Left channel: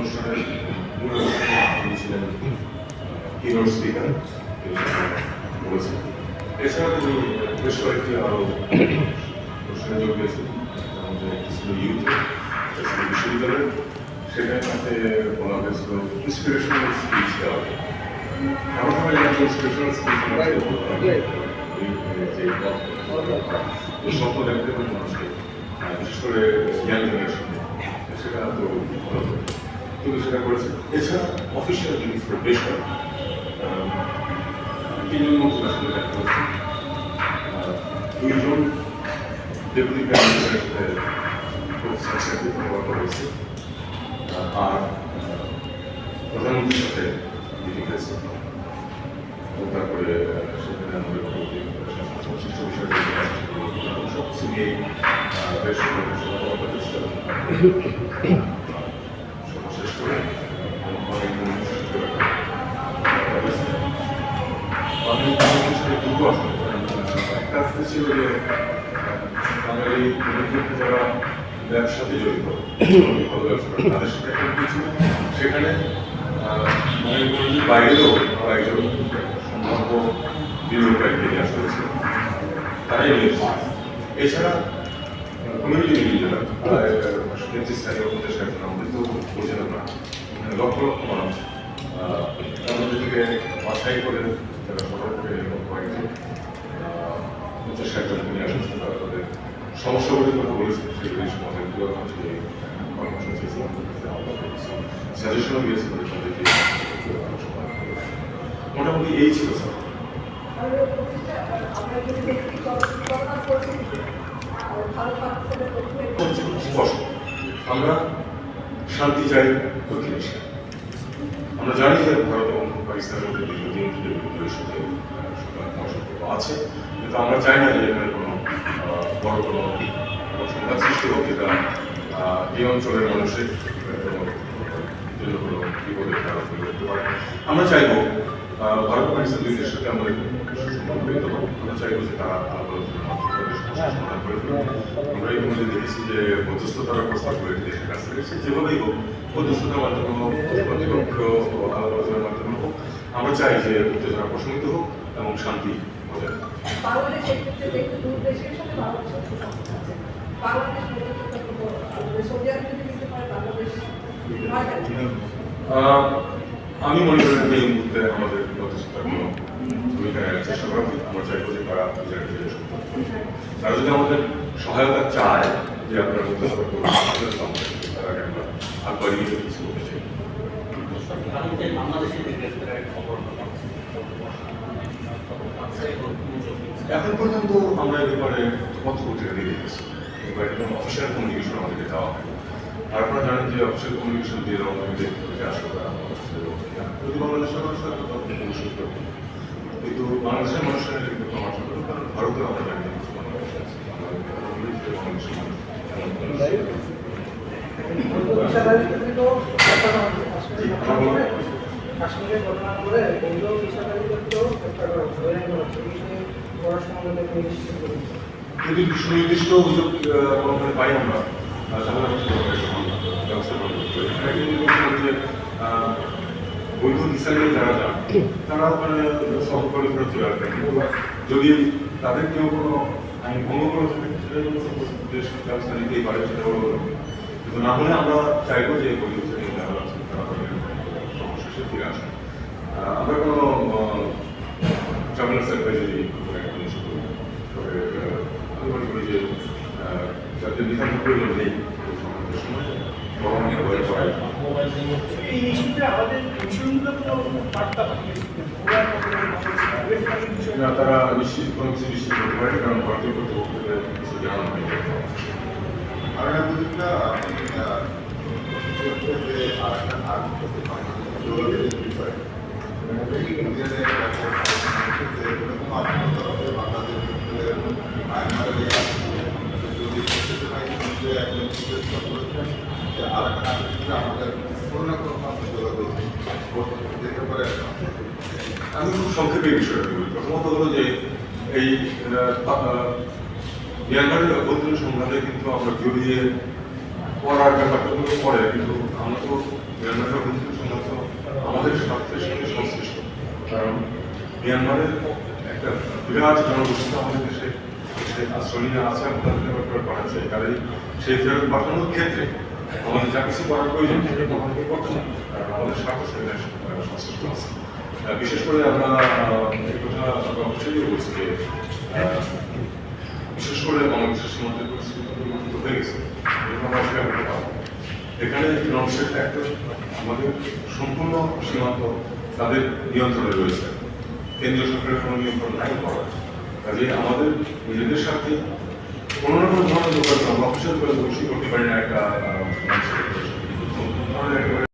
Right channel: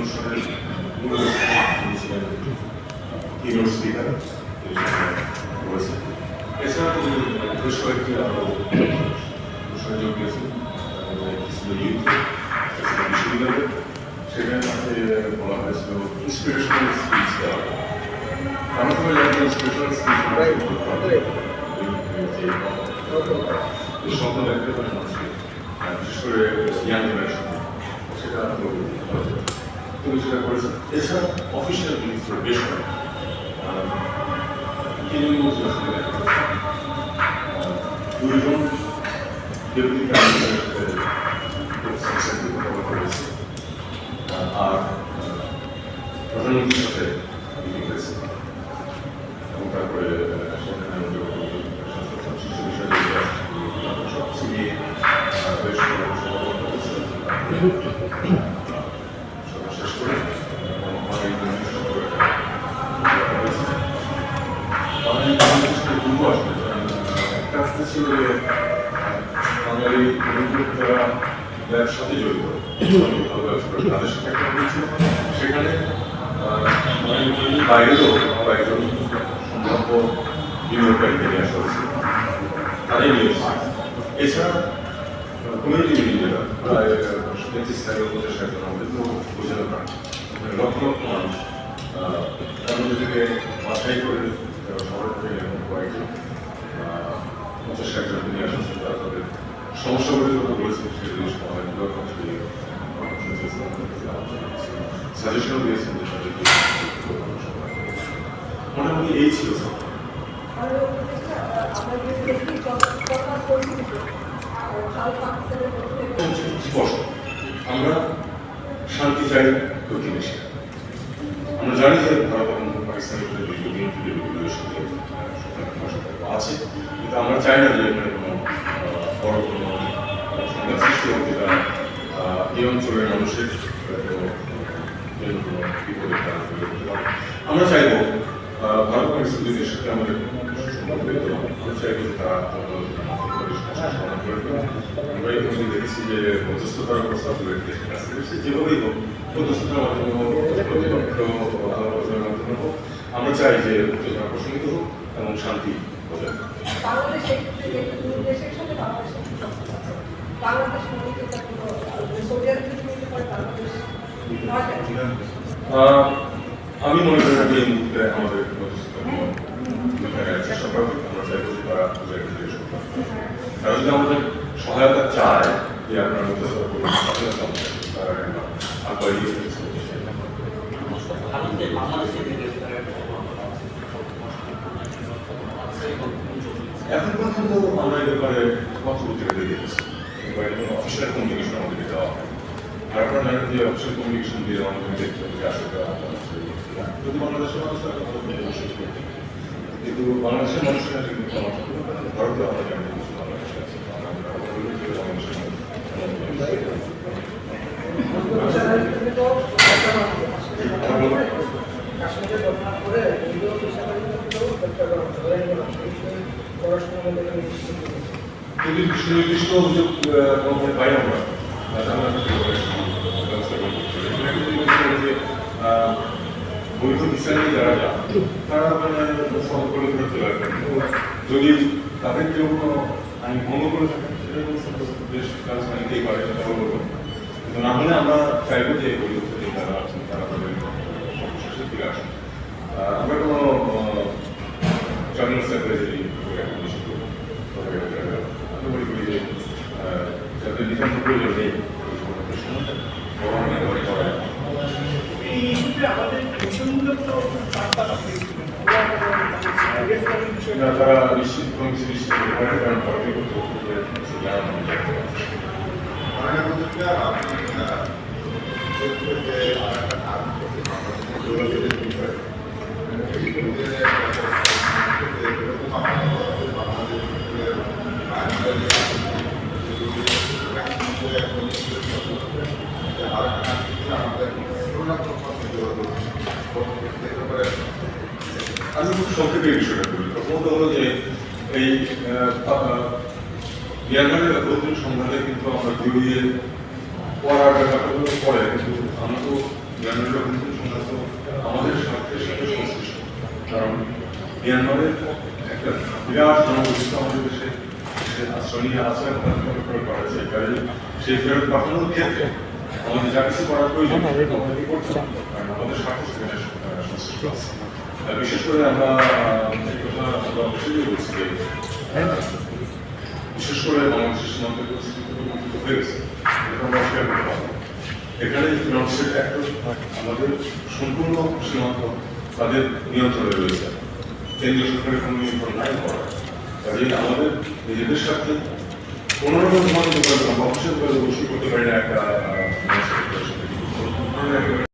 অনুষ্ঠানের মূল তিনি ছিলেন কিনোর স্পিকার তিনি বলেছেন এছাড়া তিনি বেশ কয়েকটি আরও অনুষ্ঠানে যোগ দিয়েছেন তার মধ্যে একটি ছিল ইউথ একটা বিশ্ববিদ্যালয় সেখানে তাতে বলা হয়েছিল ইন্সপিরেশনাল স্পিচ দেওয়া। আমরা সবাই জানি যে ইন্সপিরেশনাল স্পিচ যে স্বপ্ন দেখতে পারে মানুষকে বিশেষ করে ইয়াং জেনারেশনকে সেটা তো সেটা করেছেন এছাড়া অফিসিয়াল জিনিস বেশ করে তিনজন মন্ত্রী আসলে দেখা করেছেন দুইজন ডেপুটি মিনিস্টারের সাথে বলেছে আর প্রধানমন্ত্রীর সাথে মিটিং হয়েছে। এবং তারপরে সেখানে আমাদের শিশু বিষয়ে যে আছে, সেগুলো সব কিছু বেশ কথাবার্তা বাংলাদেশের একটা রাস্তা বাঙালি যারা ব্যবসাতে জড়িত ভালো একটা হয়েছিল সেখানে বাইরেও একজন সম্ভাব্য বিনিয়োগকারীকে নিয়ে আসা হয়েছিল তারাই নিয়ে এছাড়া করে পঞ্চাশ ষাট জনকে নিয়ে আসছেন তারা তাদের। মোটামুটি এই ছিল খুব স্পষ্ট আমরা শান্তি চাই প্রতি দেশে আমরা জানি যে ভারত এবং পাকিস্তানের মধ্যে রিলেশন আছে। কিন্তু আমরা চাই না যে এখানে কোনো বড় কোনো সংঘাত সৃষ্টি হোক, যেটা এই অঞ্চলের মানুষের আমরা চাইব ভারত পাকিস্তান দুই সাথে আমাদের আমরা চাইব যে তারা আলোচনার মাধ্যমে করে সমস্যার সমাধান করে দেবে আমরা এই মধ্যে দেখেছি যে মধ্যস্থতার প্রস্তাব দেশের কাছ যেভাবেই হোক মধ্যস্থতার মাধ্যমে হোক প্রতিপক্ষ আলোচনার মাধ্যমে হোক আমরা চাই যে উত্তেজনা প্রশমিত হোক এবং শান্তি বজায় মধ্যে আমি মনে করি যে এই মুহূর্তে আমাদের চেষ্টা করা আমরা চাইব যে তারা যদি আমাদের সহায়তা চায় যে আপনার কিছু। ভারতে বাংলাদেশের দিকে একটা খবর পাচ্ছি আছে এবং এখন পর্যন্ত আমরা এই ব্যাপারে পত্রপত্রিকা দিয়ে দিয়েছি। কিংবা এর কোনো অফিসিয়াল কমিউনিকেশন আমাদেরকে দেওয়া হয় আর আপনারা জানেন যে অফিসিয়াল কমিউনিকেশন দিয়ে দেওয়া আমাদের দেখতে হবে তারা যদি বাংলাদেশের মানুষ তাহলে অবশ্যই করবে কিন্তু বাংলাদেশের মানুষের কিন্তু মনে হয় কারণ ভারতে আমরা জানি বাংলাদেশ আছে। কথা বাংলাদেশের মানুষ ঘটনা করে বৈধ পেশাদারিদেরকেও গ্রেপ্তার করা হচ্ছে যদি সুনির্দিষ্ট অভিযোগ কোনোভাবে পাই আমরা তাহলে আমরা সেভাবে করতে। এখানে পারি যে আহ, বৈধ নিয়ে যারা যান তারা সহজ করে চলে কিন্তু যদি তাদের কেউ কোনো আইন ভঙ্গ করে থাকে সেটা দেশ ব্যবস্থা নিতেই পারে সেটা হলো কিন্তু না হলে আমরা চাইব যে বৈধ নিয়ে যারা আছেন তারা আমরা কোনো ট্রাভেল সার্ভিস করে একটা নিষিদ্ধ তবে আহ, আমি মনে করি যে আহ, যাদের বিধান প্রয়োজন নেই ওই সমস্ত সময় বরং একেবারে করা যায়। এই ইস্যুতে আমাদের মিশনগুলো তারা নিশ্চিত কিছু নিশ্চিত করতে পারেন কারণ ভারতীয় আপনি আহ, দেখবেন যে আরেকটা আর্মি করতে বাংলাদেশের যোগাযোগের বিষয় এই ইউনিয়নের ব্যাপারে এরকম আপনার কথা বলে বাংলাদেশের মায়ানমারের যে আছে, যে যদি কিন্তু আমি খুব সংক্ষেপে বিষয়টা বলি। প্রথমত হলো যে এই মিয়ানমারের অভ্যন্তরীণ সংঘাতে কিন্তু আমরা জড়িয়ে পড়ার ব্যাপারটা হলো পরে কিন্তু আমরা তো মিয়ানমারের অভ্যন্তরীণ সংঘাত আমাদের স্বার্থের সাথে সংশ্লিষ্ট। কারণ মিয়ানমারের একটা বিরাট জনগোষ্ঠী আমাদের দেশে আশ্রয় নিয়ে আছে তাদেরকে ফেরত পাঠাচ্ছে কাজে সেই ফেরত পাঠানোর ক্ষেত্রে আমাদের যা কিছু করার প্রয়োজন আমাদেরকে করতে হবে, কারণ আমাদের স্বার্থ আছে। বিশেষ করে আমরা এই কথা অবশ্যই বলছি যে বিশেষ করে বাংলাদেশের সীমান্তের পরিস্থিতি হয়ে গেছে আমরা করতে পারব এখানে অ্যাক্টর আমাদের সম্পূর্ণ সীমান্ত তাদের নিয়ন্ত্রণে রয়েছে। কেন্দ্রীয় সরকারের কোনো নিয়ন্ত্রণ নাই করা কাজে আমাদের নিজেদের সাথে কোনো রকম ধরনের অফিসিয়াল যোগাযোগ অবশ্যই করতে পারি না একটা